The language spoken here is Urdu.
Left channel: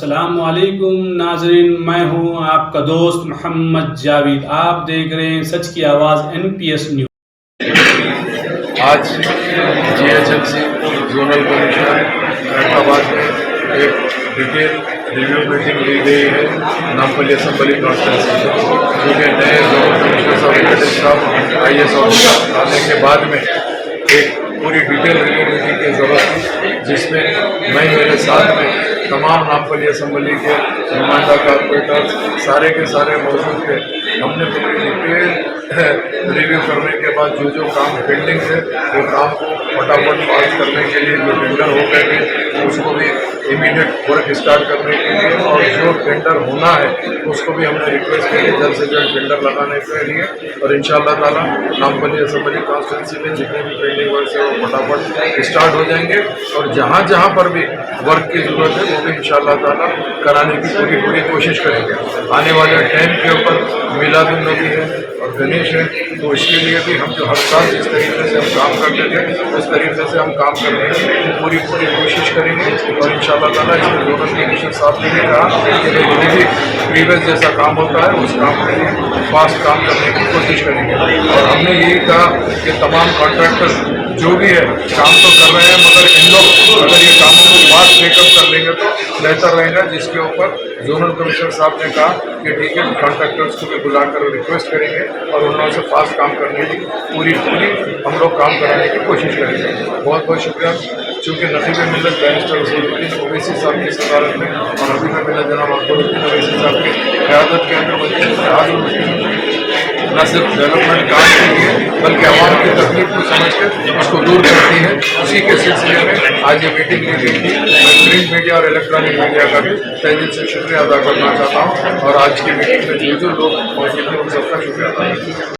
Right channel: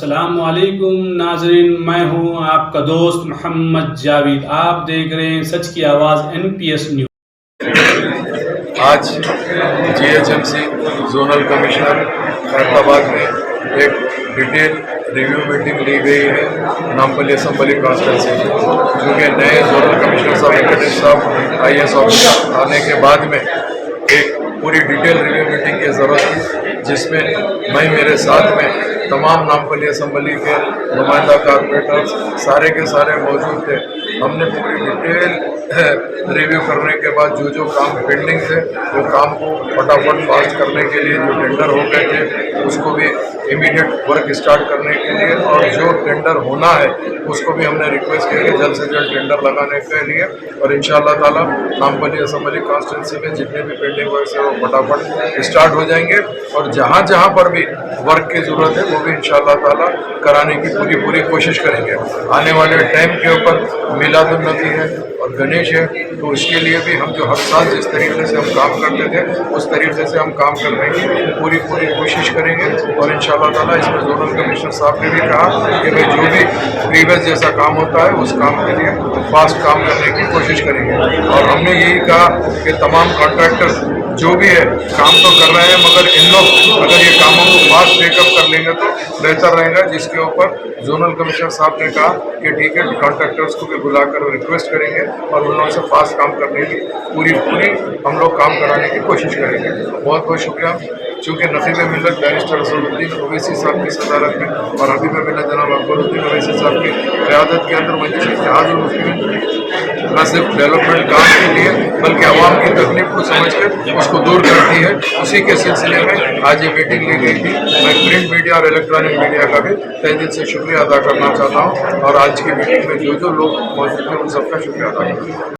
السلام علیکم ناظرین، میں ہوں آپ کا دوست محمد جاوید. آپ دیکھ رہے ہیں سچ کی آواز NPS نیوز. آج GHMC زونل کمشنر خیرآباد میں ایک ڈیٹیل ریویو میٹنگ لی گئی ہے نامپلی اسمبلی کانسٹیٹوینسی میں، کیونکہ نئے زونل کمشنر صاحب وینکٹیش صاحب IAS آفیسر آنے کے بعد میں ایک پوری ڈیٹیل ریویو میٹنگ کی ضرورت تھی، جس میں میرے ساتھ میں تمام نامپلی اسمبلی کے نمائندہ کارپوریٹرز سارے کے سارے موجود تھے. ہم نے پوری ڈیٹیل ریویو کرنے کے بعد جو کام پینڈنگ تھے وہ کام کو فٹافٹ پاس کرنے کے لیے، جو ٹینڈر ہو گئے تھے اس کو بھی امیڈیٹ ورک اسٹارٹ کرنے کے لیے، اور جو ٹینڈر ہونا ہے اس کو بھی ہم نے ریکویسٹ کی کہ جلد سے جلد ٹینڈر لگانے کے لیے، اور انشاءاللہ تعالیٰ نامپلی اسمبلی کانسٹیٹوینسی میں جتنے بھی پینڈنگ ورکس ہیں وہ فٹافٹ اسٹارٹ ہو جائیں گے، اور جہاں جہاں پر بھی ورک کی ضرورت ہے وہ بھی انشاءاللہ تعالیٰ کرانے کی پوری کوشش کریں گے. آنے والے ٹائم کے اوپر میلاد النبی ہے اور گنیش ہے، تو اس کے لیے بھی ہم جو ہر سال جس طریقے سے ہم کام کرتے تھے اس طریقے سے ہم کام کرنے کی پوری کوشش کریں گے. اور انشاءاللہ تعالیٰ اس میں زونل کمشنر صاحب نے بھی کہا کہ بھائی جو بھی پریویس جیسا کام ہوتا ہے اس کام کے لیے فاسٹ کام کرنے کی کوشش کریں گے. اور ہم نے یہی کہا کہ تمام کانٹریکٹرز جو بھی ہے کام تو کر رہے ہیں، مگر ان لوگ اگر یہ کاموں کو فاسٹ ٹیک اپ کر لیں گے تو بہتر رہے گا، جس کے اوپر زونل کمشنر صاحت نے کہا کہ ٹھیک ہے، کانٹریکٹرز کو بھی بلا کر ریکویسٹ کریں گے اور ان لوگوں سے فاسٹ کام کرنے کی پوری ہم لوگ کام کرانے کی کوشش کریں گے. بہت بہت شکریہ. چونکہ نقیب ملت بیرسٹر رسول الدین اویسی صاحب کی صدارت میں اور حبیب ملت جناب اکبر الدین اویسی صاحب کی قیادت کے اندر مجلس اتحاد المسلمین نہ صرف ڈیولپمنٹ کام کے لیے بلکہ عوام کی تکلیف کو سمجھ کے اس کو دور کرتی ہے، اسی کے سلسلے میں آج یہ میٹنگ لی گئی تھی. میں پرنٹ میڈیا اور الیکٹرانک میڈیا کا بھی تہہ دل سے شکریہ ادا کرنا چاہتا ہوں، اور آج کی میٹنگ میں جو لوگ موجود ہیں ان سب کا شکریہ ادا کرتا ہوں.